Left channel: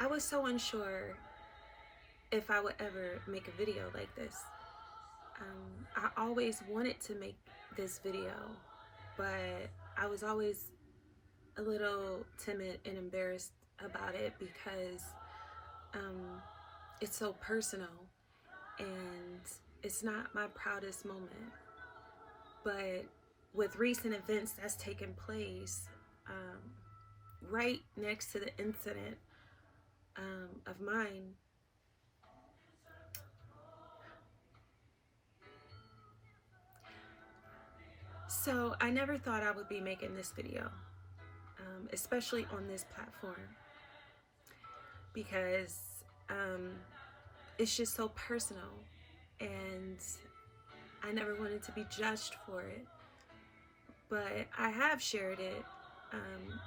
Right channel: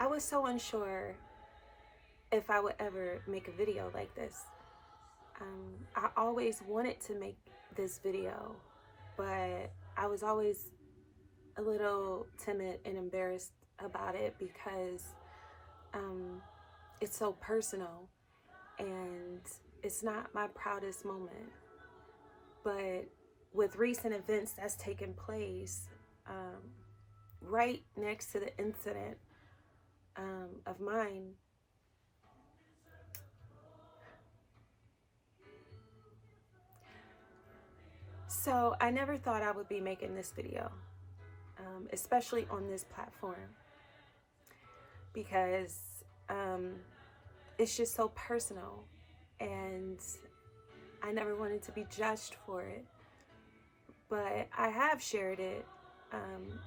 I was so unsure if I would ever make a video like this. I always wanted to make this video, but I was always a little timid and embarrassed about it because um, it's so personal and it's not my proudest moment. But with recent events that's taken place um, right next to the incident of mine, so I never thought I would be making this video, especially on this platform, because um, it's just so personal and I never wanted to be judged for it. But I have shared it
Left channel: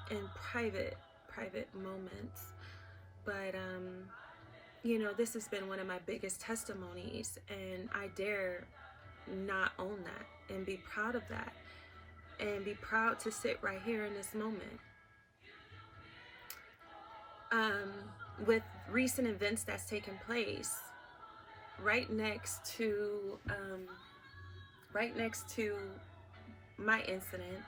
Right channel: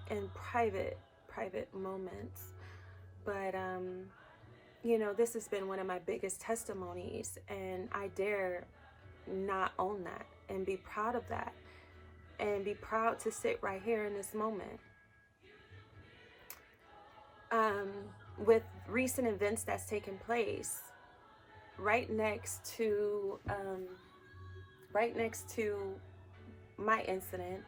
in private moments. But you know, this has been one of my biggest testimonies, and I dare not own that and be proud of that and be proud to sit right here in this moment. Um, with recent events that's taken place right next to my incident,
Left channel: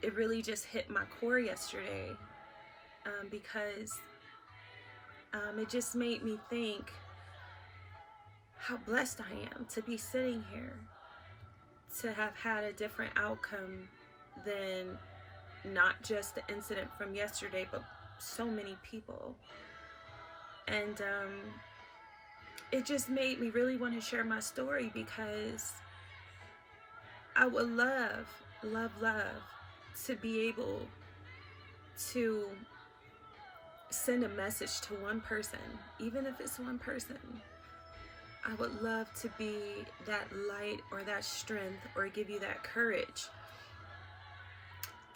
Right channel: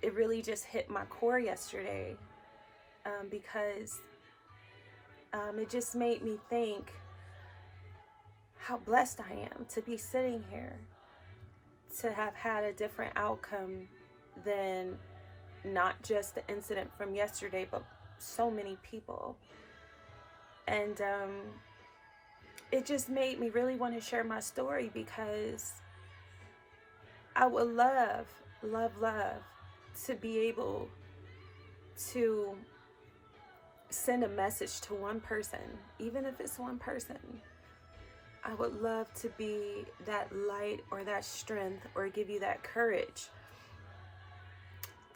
it really just hit my core yesterday, because it just made me think how blessed I am to be sitting here, to have had a different outcome than not just the incident from yesterday, but so many people. And it just made me really want to share my story, because I would love to be able to send a message to one person, even if it's one person. I would love to be that light or that strength or give you that courage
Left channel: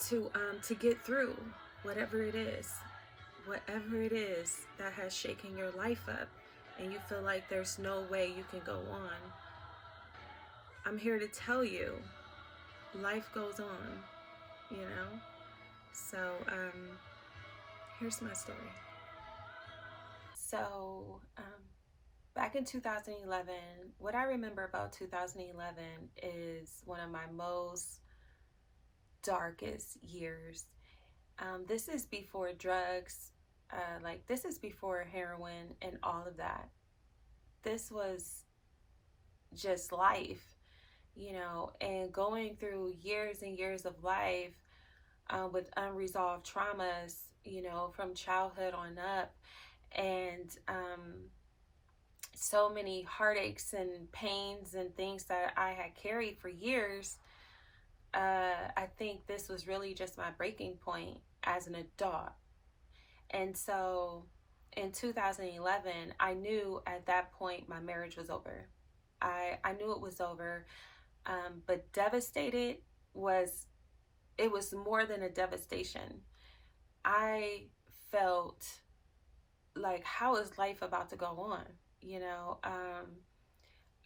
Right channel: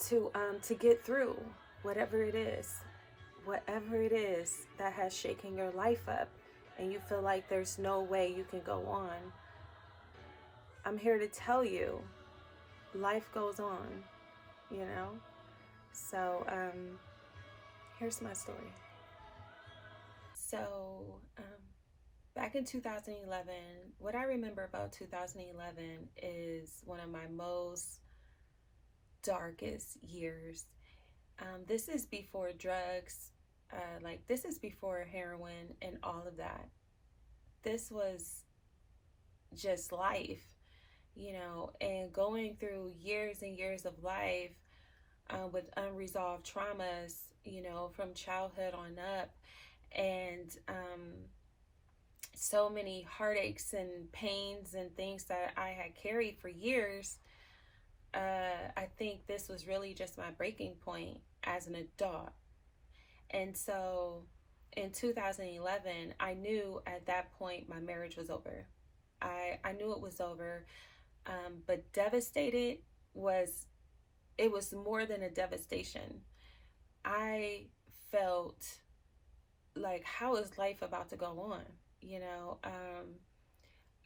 to get through whatever it is that has shaken your life up and you feel like there's no way you can go on. I'm here to tell you, life goes on, you know? So, here's my story. So, back in 2011, what I remember about 2011 is one of my most darkest years. This is before drugs, this is before heroin and all of that. This was just life, you know, and going through years and years of life with unresolved traumas, you know, from childhood on up, and so many heartaches and pains and things that I had carried for years. I think this was really just my breaking point as an adult. And so in 2011, I knew at that point my marriage was over. I knew it was over, but devastated it was more than a devastation. I felt like, how is life about to go on? You know,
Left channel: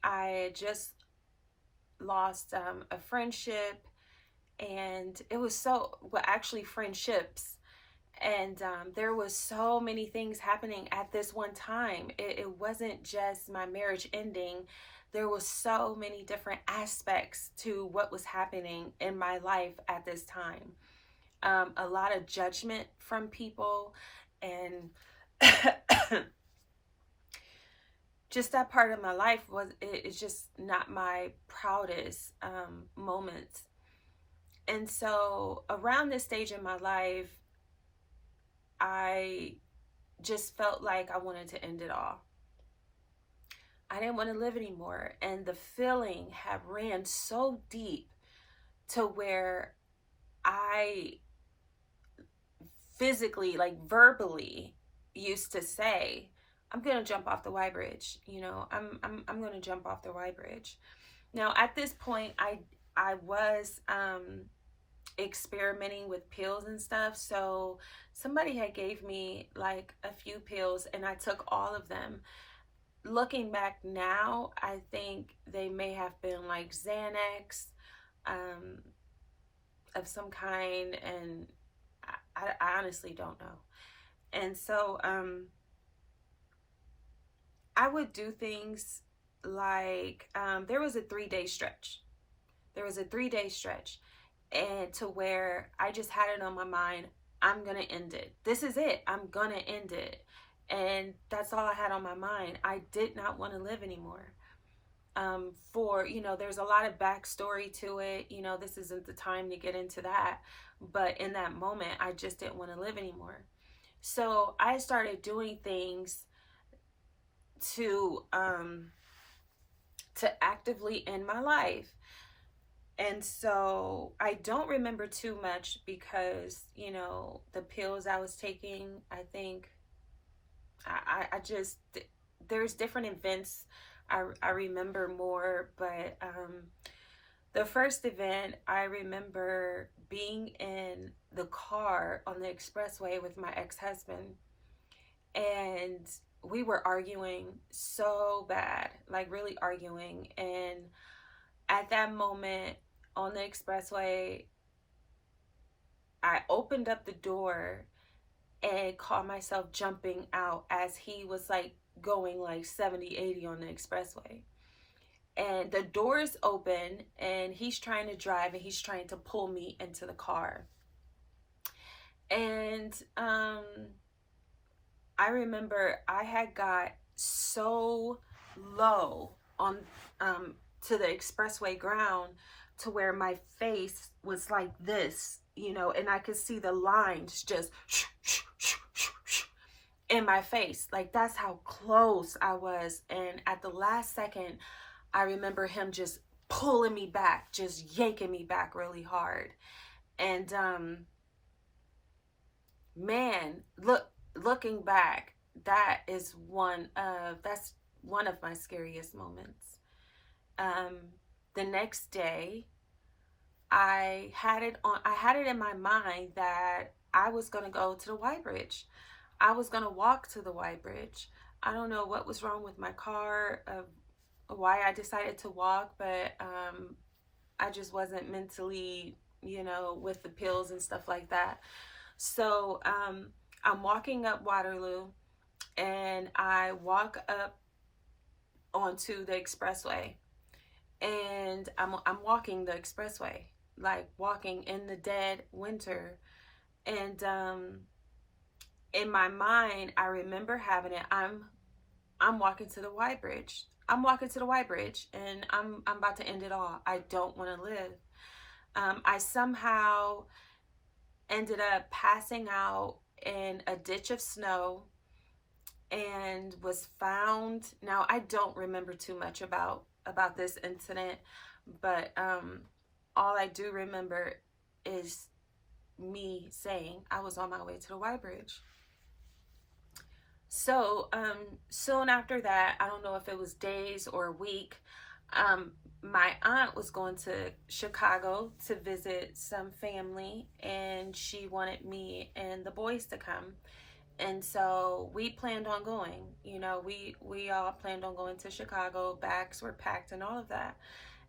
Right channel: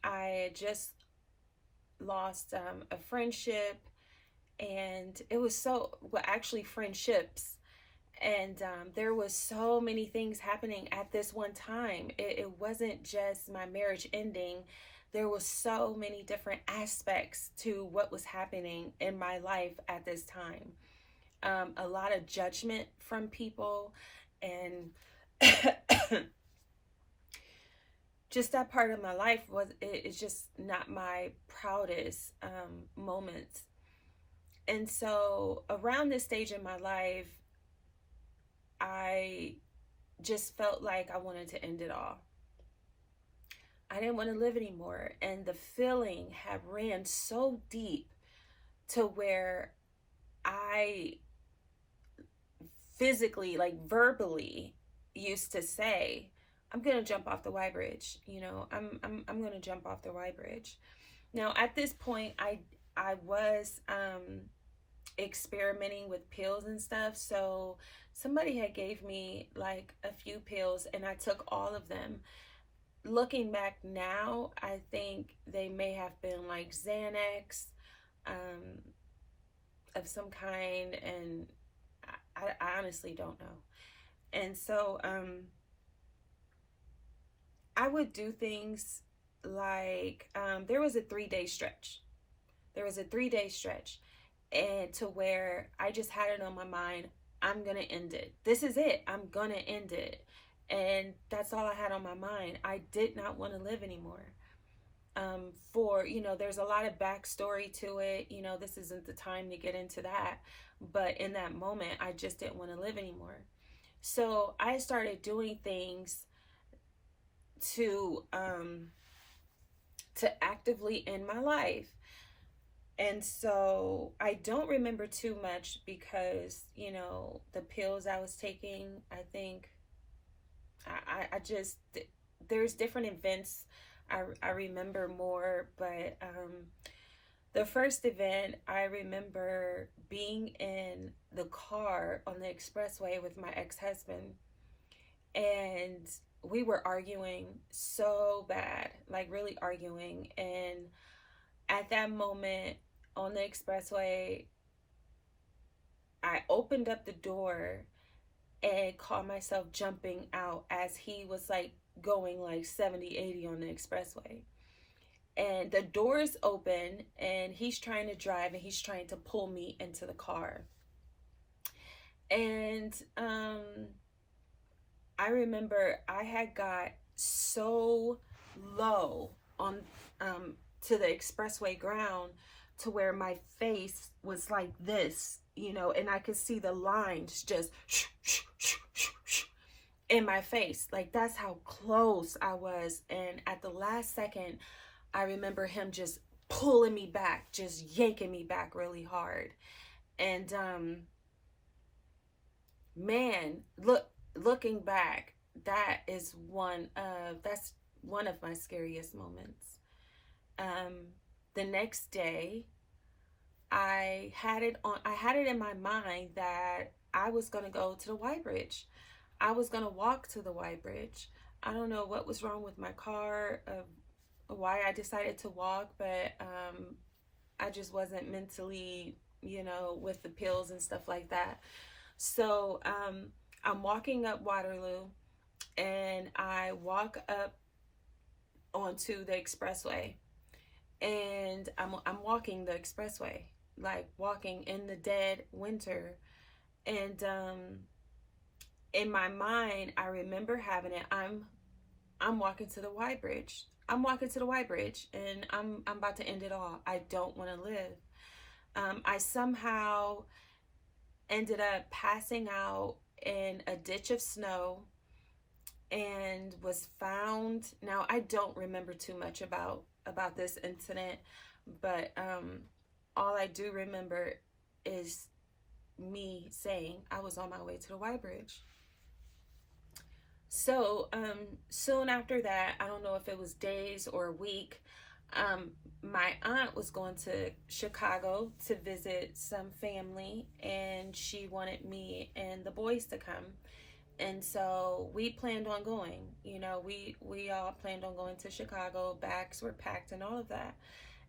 I just lost a friendship, and it was actually friendships. And there was so many things happening at this one time. It wasn't just my marriage ending. There was so many different aspects to what was happening in my life at this time. A lot of judgment from people, and just that part of my life is just not my proudest moments. And so around this stage in my life, I just felt like I wanted to end it all. I didn't want to live anymore. And the feeling had ran so deep to where I physically, like verbally, used to say, I'm going to jump off the Y bridge. You know, I'm going to jump off the Y bridge. Now, at this point, I was experimenting with pills and stuff. So somebody had gave me like a few pills, and I took all of them. Looking back now, I think they may have been like Xanax of some kind, and I honestly don't know. And so I would do things like there was a 3-day stretch. There was a 3-day stretch, and to where I just had it on my mind, I'm gonna end it. This is it. I'm gonna end it. And that's all I had on my mind. I did not want to live anymore. There's a lot of backstory to it. This isn't the time to get into that. But in that moment, I just didn't want to live anymore. So I started doing things to actively end my life. And so I don't remember too much because, the pills I was taking, I think I just, there's different events I remember more, but the first event, I remember being in the car on the expressway with my ex-husband, and we were arguing so bad, like really arguing. And at that moment on the expressway, I opened up the door and caught myself jumping out as he was like going like 70, 80 on the expressway. And the doors open and he's trying to drive and he's trying to pull me into the car. And I remember I had got so low on to the expressway ground to where my face was like this, and I could see the lines just in my face. Like, that's how close I was. And at the last second, I remember him just pulling me back, just yanking me back really hard. And man, looking back, that's one of my scariest moments. The next day, I had it in my mind that I was going to go to the Y Bridge. I was going to walk to the Y Bridge. I don't know what was wrong with my car, why I decided to walk, but I just wasn't mentally, with the pills and stuff like that. So I'm walking up Waterloo, and I walk up onto the expressway, and I'm walking the expressway, like walking in the dead winter. And in my mind, I remember having it. I'm walking to the Y Bridge. I'm walking to the Y Bridge, and I'm about to end it all. I don't want to live. I somehow ended up passing out in a ditch of snow and was found. Now, I don't remember too much about this incident, but all I do remember is me saying I was on my way to the Y Bridge. So soon after that, I don't know if it was days or a week, my aunt was going to Chicago to visit some family, and she wanted me and the boys to come. And so we planned on going. We all planned on going to Chicago. Bags were packed and all of that.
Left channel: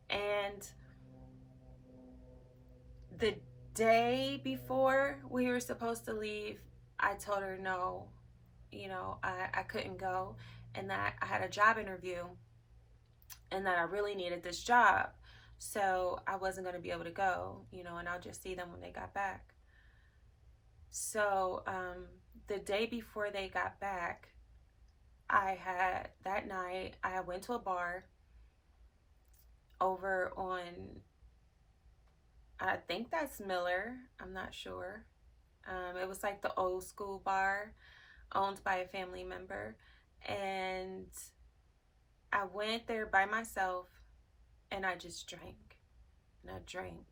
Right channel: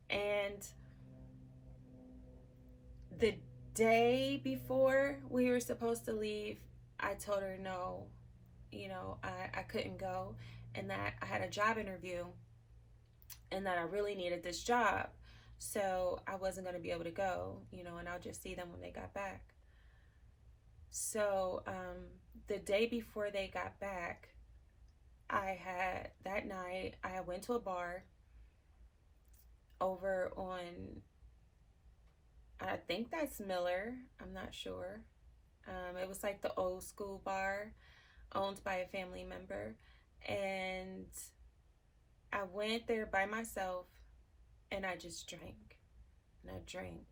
And the day before we were supposed to leave, I told her no, I couldn't go, and that I had a job interview and that I really needed this job. So I wasn't going to be able to go, and I'll just see them when they got back. So the day before they got back, that night, I went to a bar over on, I think that's Miller. I'm not sure. It was like the old school bar owned by a family member. And I went there by myself, and I just drank. And I drank.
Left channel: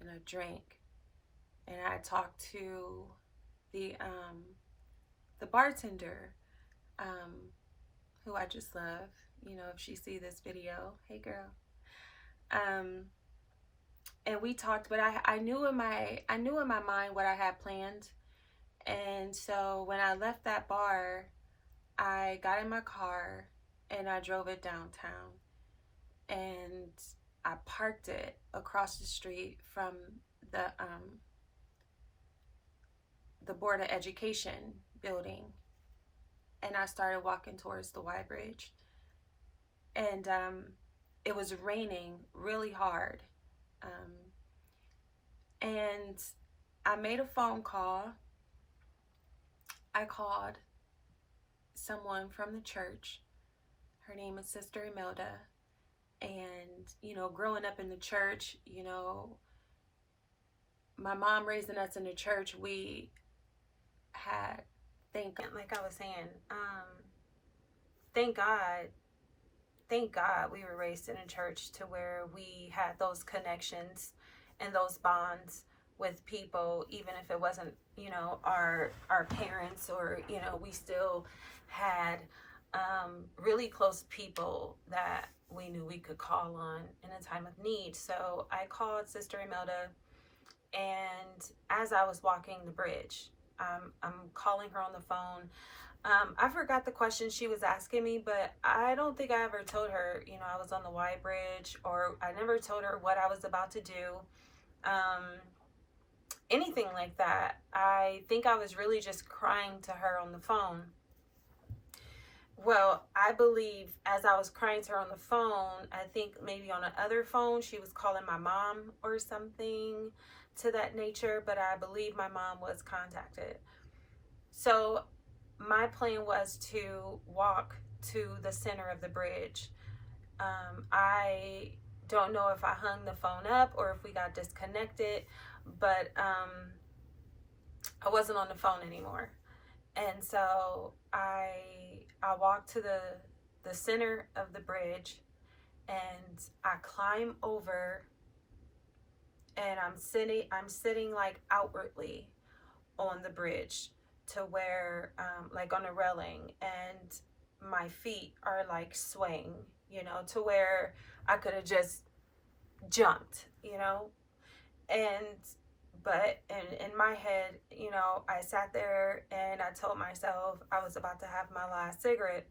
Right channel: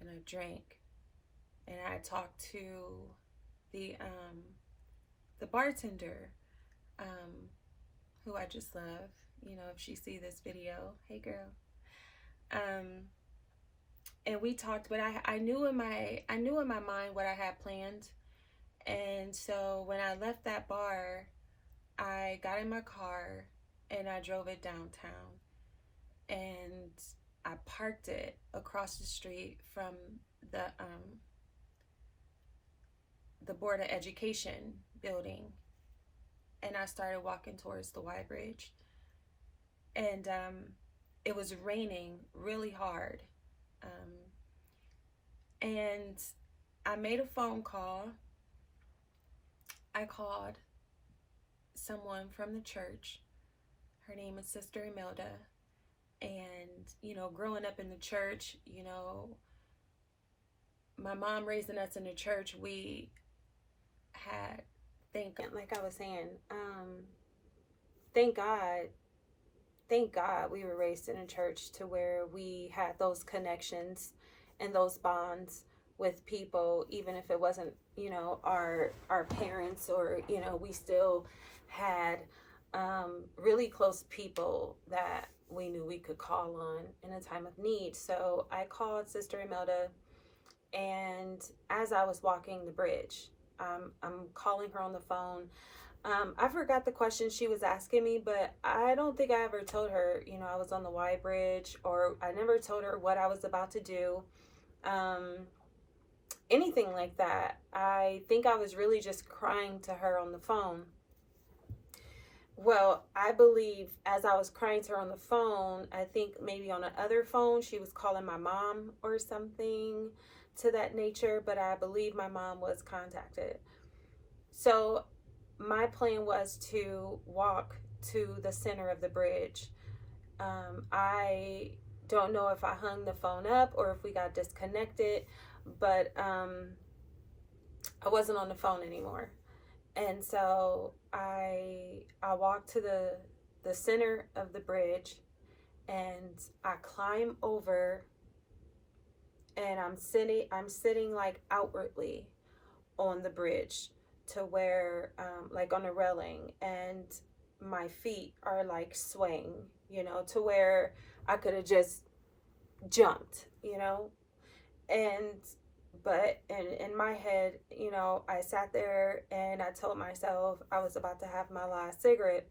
And I drank. And I talked to the bartender, who I just love. If she see this video, hey girl. And we talked, but I knew in my mind what I had planned. And so when I left that bar, I got in my car and I drove it downtown, and I parked it across the street from the Board of Education building, and I started walking towards the Y Bridge. And it was raining really hard. Um, and I made a phone call. I called someone from the church. Her name is Sister Imelda. And, you know, growing up in the church, you know, my mom raising us in the church, we had, like I was saying, thank God we were raised in a church to where we had those connections and those bonds with people, even if it wasn't, you know, our parents, or, you know, we still had really close people that we knew we could call on in a time of need. So I called Sister Imelda, and as I was walking the bridge, I'm calling her on the phone. I forgot the question she was asking me, but I don't think I ever told her, you know, I was on the Y Bridge, or I never told her what I was about to do. Anything like that. I think I was really just crying to her on the phone. Well, I believe as I was crying to her on the phone, I think maybe on another phone, she was calling my mom or something to that nature, but I believe my mom was contacted. So my plan was to walk to the center of the bridge. I don't know if I hung the phone up or if we got disconnected, but I wasn't on the phone anymore. And so I walked to the center of the bridge, and I climb over, and I'm sitting like outwardly on the bridge to where like on a railing, and my feet are like swaying, you know, to where I could have just jumped, you know. And but in my head, you know, I sat there and I told myself I was about to have my last cigarette.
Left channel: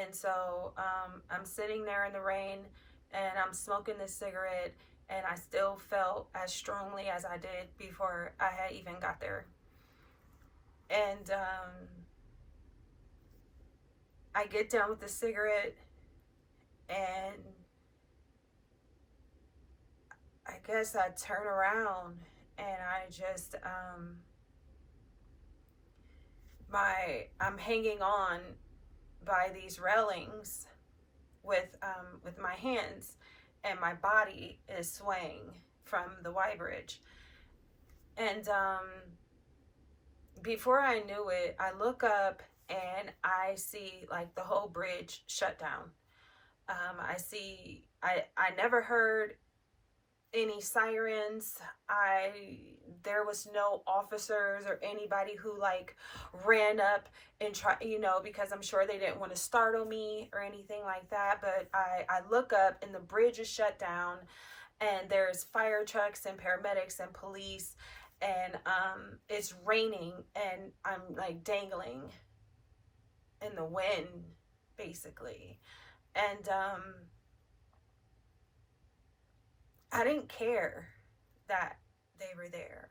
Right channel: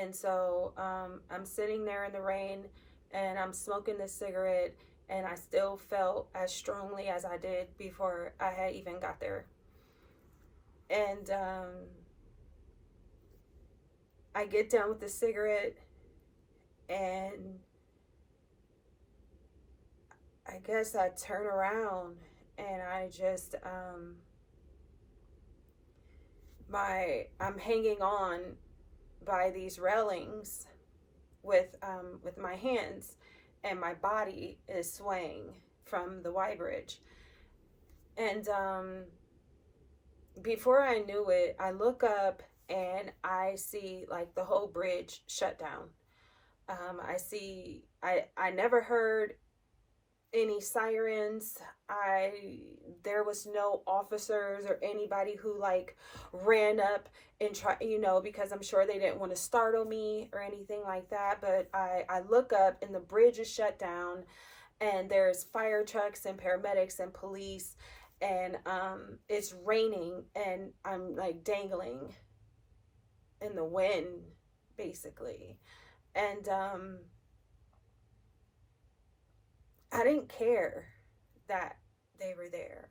And so I'm sitting there in the rain, and I'm smoking this cigarette, and I still felt as strongly as I did before I had even got there. And I get done with the cigarette, and I guess I turn around, and I just I'm hanging on by these railings with my hands, and my body is swaying from the Y Bridge. And before I knew it, I look up and I see like the whole bridge shut down. I never heard any sirens. There was no officers or anybody who like ran up and try, you know, because I'm sure they didn't want to startle me or anything like that. But I look up, and the bridge is shut down, and there's fire trucks and paramedics and police, and it's raining, and I'm like dangling in the wind basically. And I didn't care that they were there.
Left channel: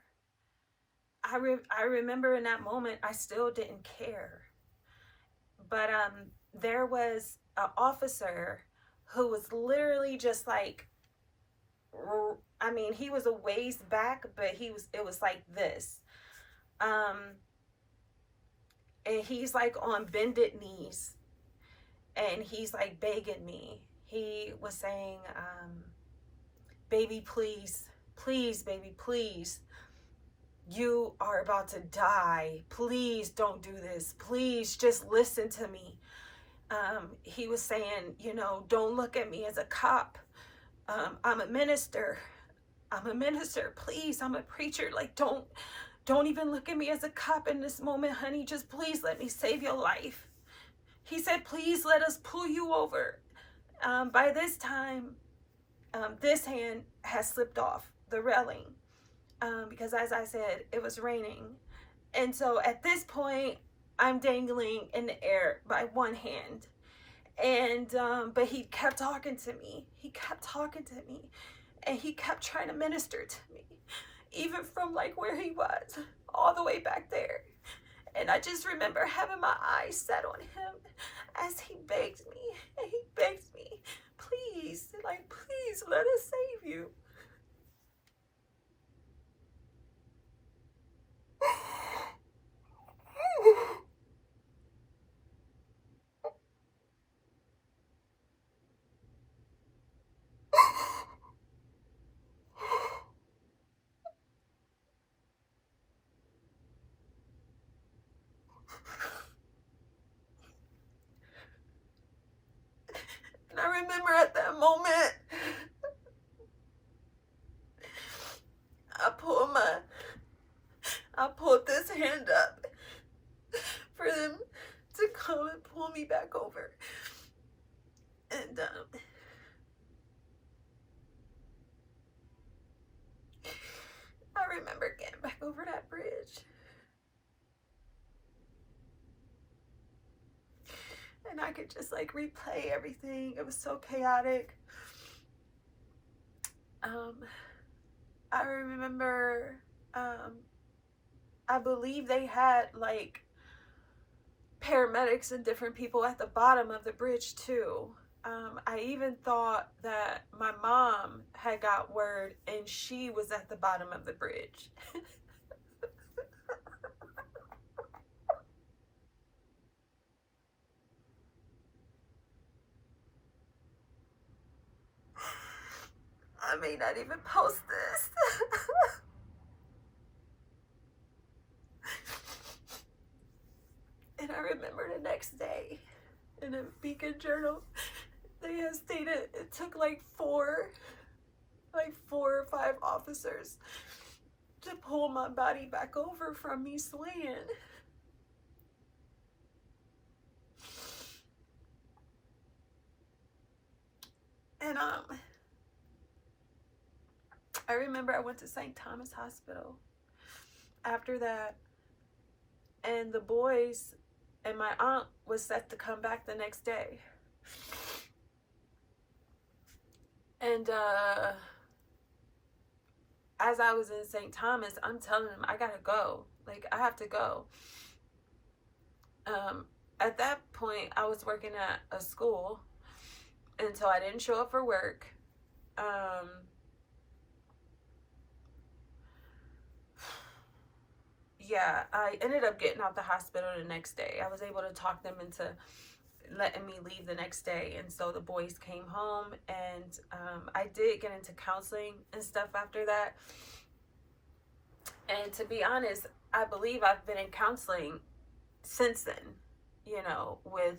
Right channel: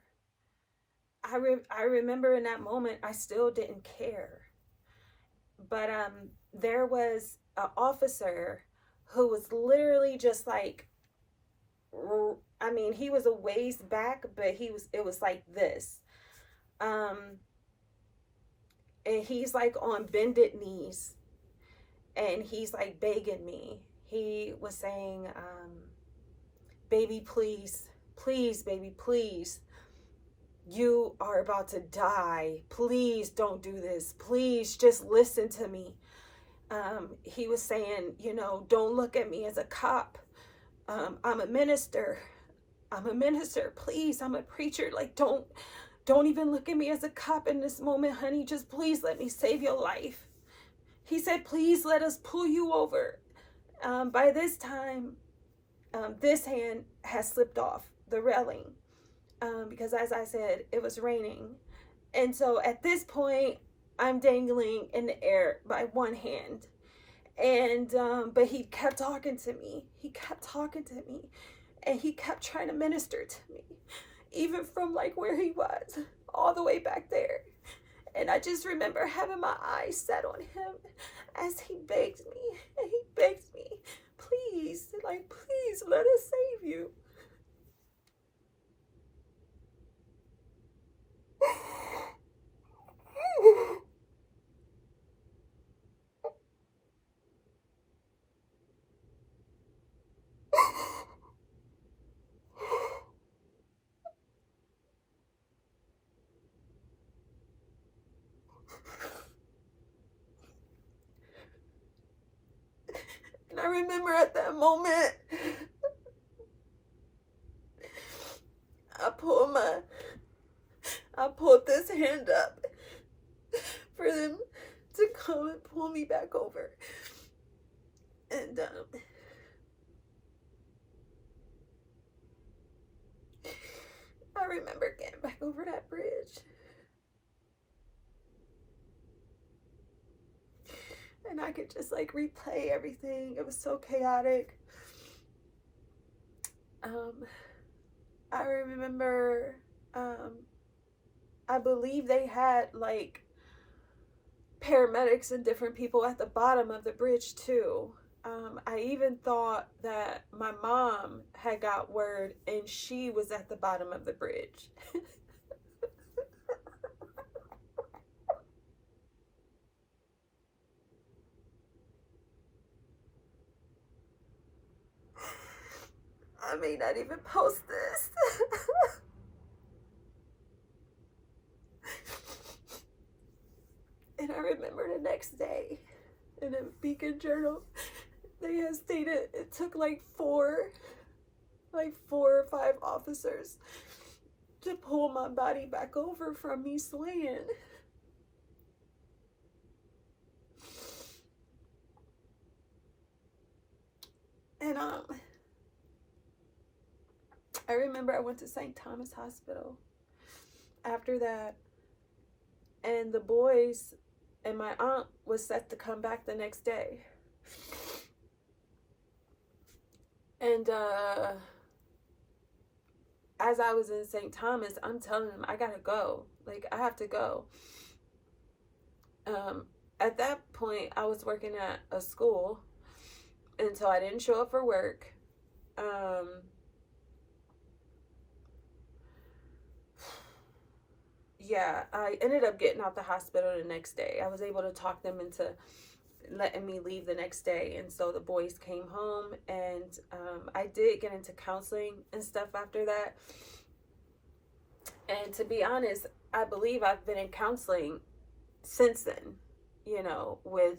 I remember in that moment, I still didn't care. But there was an officer who was literally just like, I mean, he was a ways back, but it was like this. And he's like on bended knees, and he's like begging me. He was saying, baby, please, baby, please. You are about to die. Please don't do this. Please just listen to me. He was saying, you know, don't look at me as a cop. I'm a minister. Please, I'm a preacher. Like, don't even look at me as a cop in this moment, honey. Just please let me save your life. He said, please let us pull you over. By this time, this hand has slipped off the railing, because as I said, it was raining. And so at this point, I'm dangling in the air by one hand. And but he kept talking to me. And he kept trying to minister to me, even from like where he was all the way back there. And I just remember having my eyes set on him as he begged me, and he begged me, please, like, please let us save you. And I remember at that moment, I pulled this hand up for them to come and pull me back over. And I remember getting back over that bridge. And I could just like replay everything. It was so chaotic. I remember, I believe they had like paramedics and different people at the bottom of the bridge too. I even thought that my mom had got word and she was at the bottom of the bridge. I may not even post this. And I remember the next day in a Beacon Journal, they had stated it took like four or five officers to pull my body back over from me swaying. And I remember I went to St. Thomas Hospital after that, and the boys and my aunt was set to come back the next day. And as I was in St. Thomas, I'm telling them, I gotta go. Like, I have to go. At that point, I was working at a school, and so I didn't show up for work. Yeah, I ended up getting out the hospital the next day. I was able to talk them into letting me leave the next day, and so the boys came home, and I did get into counseling and stuff after that. And to be honest, I believe I've been in counseling since then, you know, with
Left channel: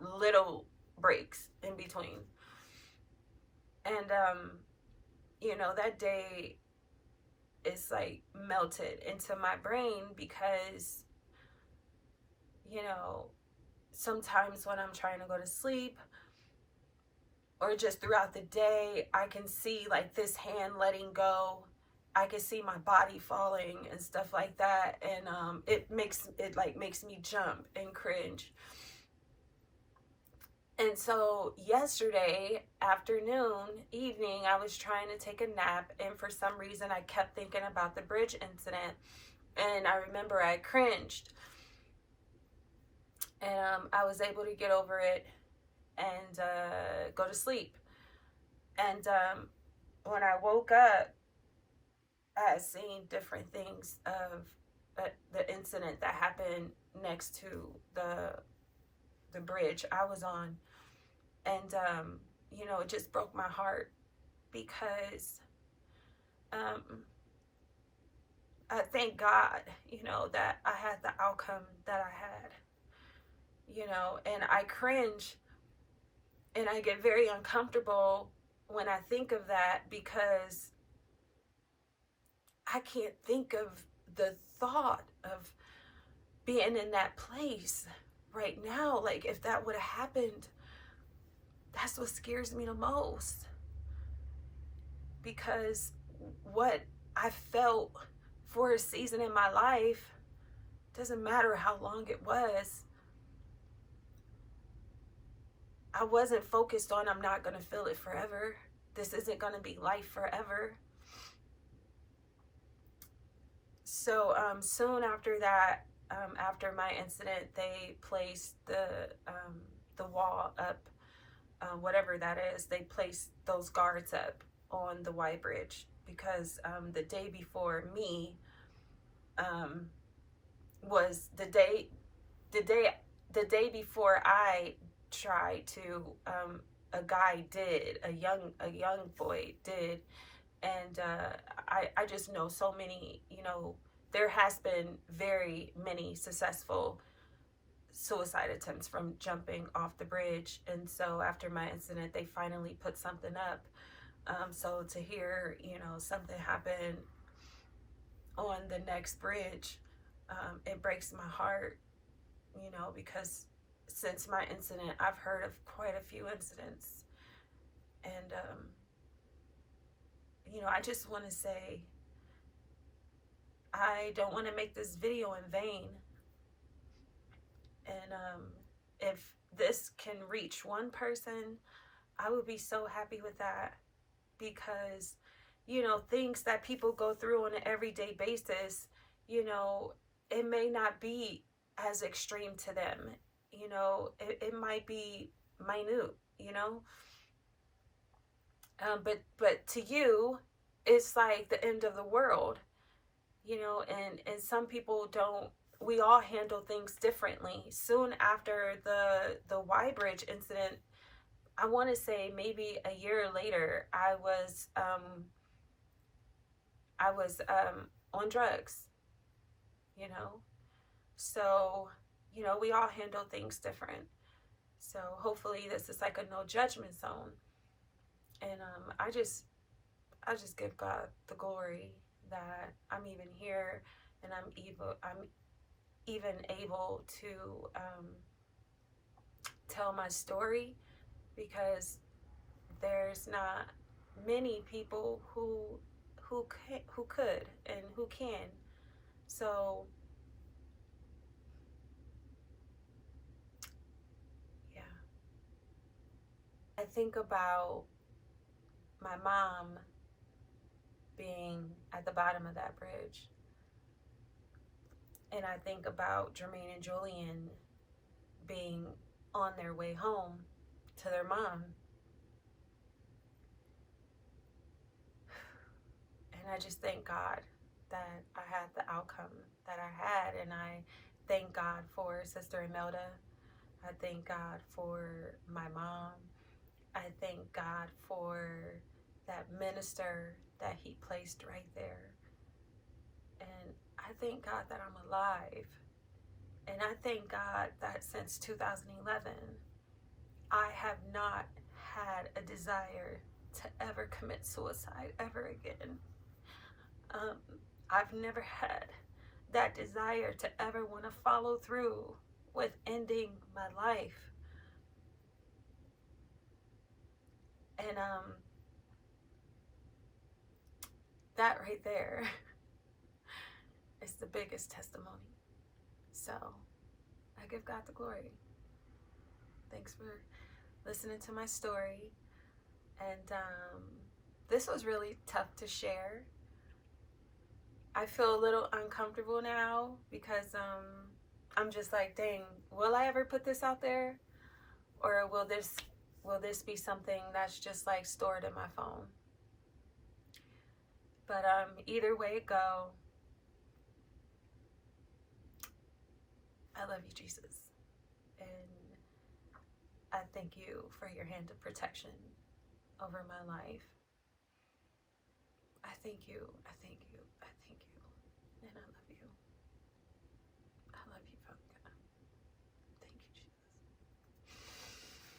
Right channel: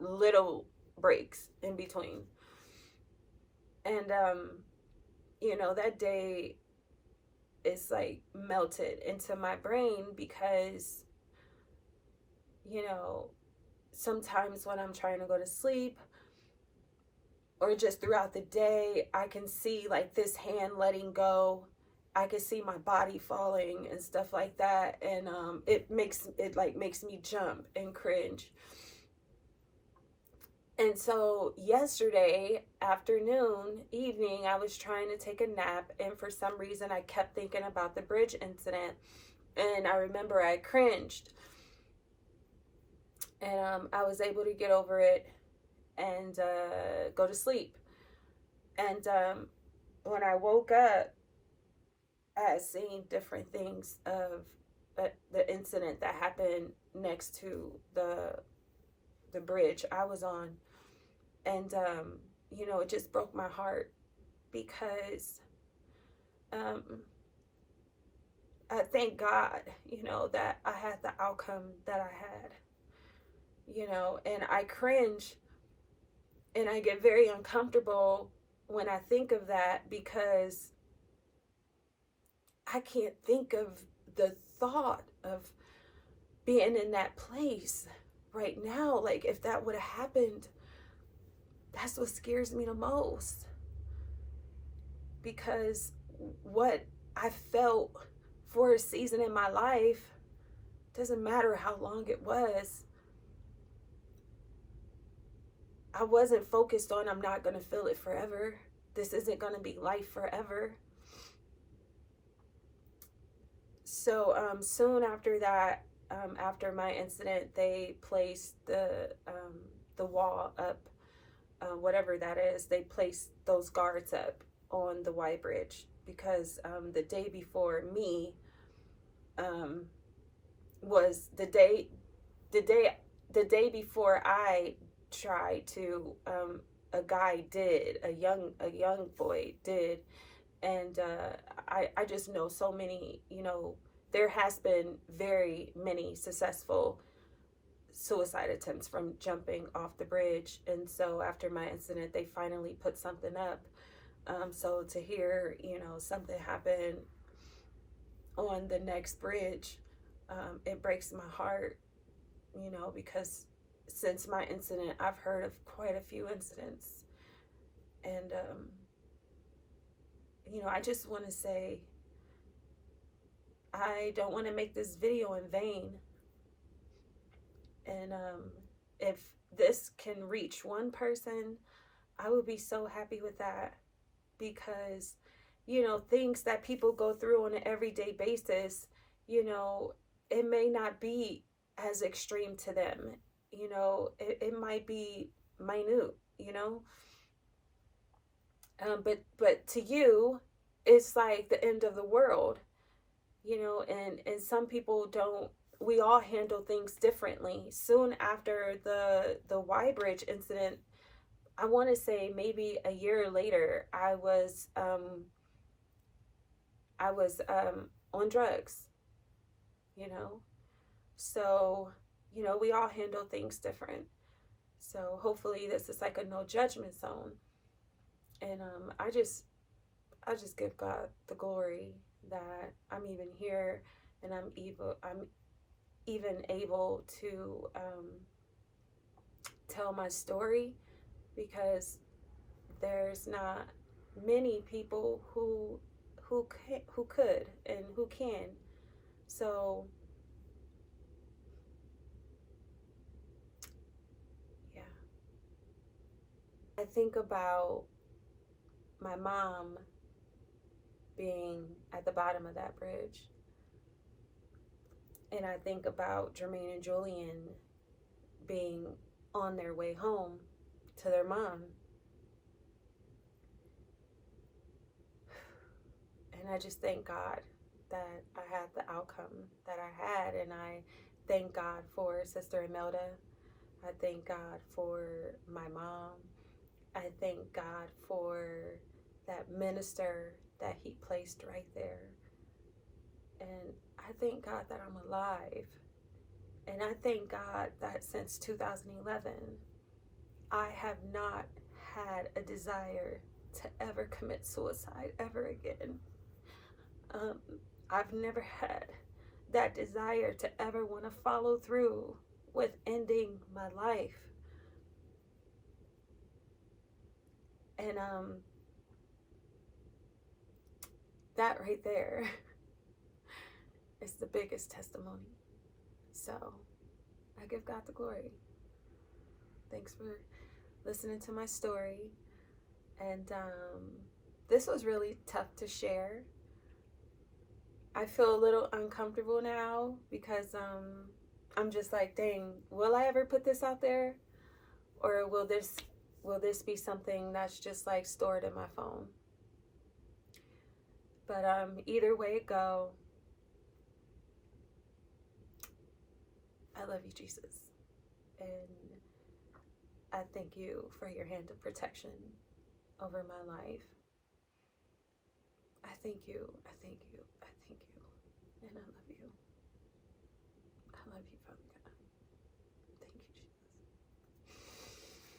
little breaks in between. And you know, that day is like melted into my brain because, you know, sometimes when I'm trying to go to sleep or just throughout the day, I can see like this hand letting go. I can see my body falling and stuff like that, and it makes me jump and cringe. And so yesterday evening, I was trying to take a nap, and for some reason I kept thinking about the bridge incident, and I remember I cringed. And I was able to get over it and go to sleep. And when I woke up, I had seen different things of the incident that happened next to the bridge I was on. And you know, it just broke my heart because I thank God, you know, that I had the outcome that I had, you know. And I cringe and I get very uncomfortable when I think of that, because I can't think of the thought of being in that place right now. Like, if that would have happened, that's what scares me the most, because what I felt for a season in my life, doesn't matter how long it was, I wasn't focused on, I'm not going to feel it forever. This isn't going to be life forever. So soon after that, after my incident, they placed the wall up, whatever that is. They placed those guards up on the Y Bridge because the day before me was the day before I tried to. A guy did, a young boy did, and I just know so many, there has been very many successful suicide attempts from jumping off the bridge. And so after my incident, they finally put something up. So to hear, something happen on the next bridge, it breaks my heart, because since my incident, I've heard of quite a few incidents. And, I just want to say, I don't want to make this video in vain. And if this can reach one person, I would be so happy with that. Because, things that people go through on an everyday basis, it may not be as extreme to them. It might be minute, but to you, it's like the end of the world, and some people don't. We all handle things differently. Soon after the Y Bridge incident, I want to say maybe a year later, I was on drugs, so we all handle things different. So hopefully this is like a no judgment zone. And I just give God the glory that I'm even here, and I'm even able to tell my story, because there's not many people who could and who can. So yeah, I think about my mom being at the bottom of that bridge, and I think about Jermaine and Julian being on their way home to their mom. And I just thank God that I had the outcome that I had, and I thank God for Sister Imelda. I thank God for my mom. I thank God for that minister that he placed right there. And I thank God that I'm alive. And I thank God that since 2011, I have not had a desire to ever commit suicide ever again. I've never had that desire to ever want to follow through with ending my life. And that right there is the biggest testimony. So I give God the glory. Thanks for listening to my story. And this was really tough to share. I feel a little uncomfortable now because I'm just like, dang, will I ever put this out there? Or will this be something that's just like stored in my phone? But either way it go, I love you, Jesus. And I thank you for your hand of protection over my life. I thank you. I thank you.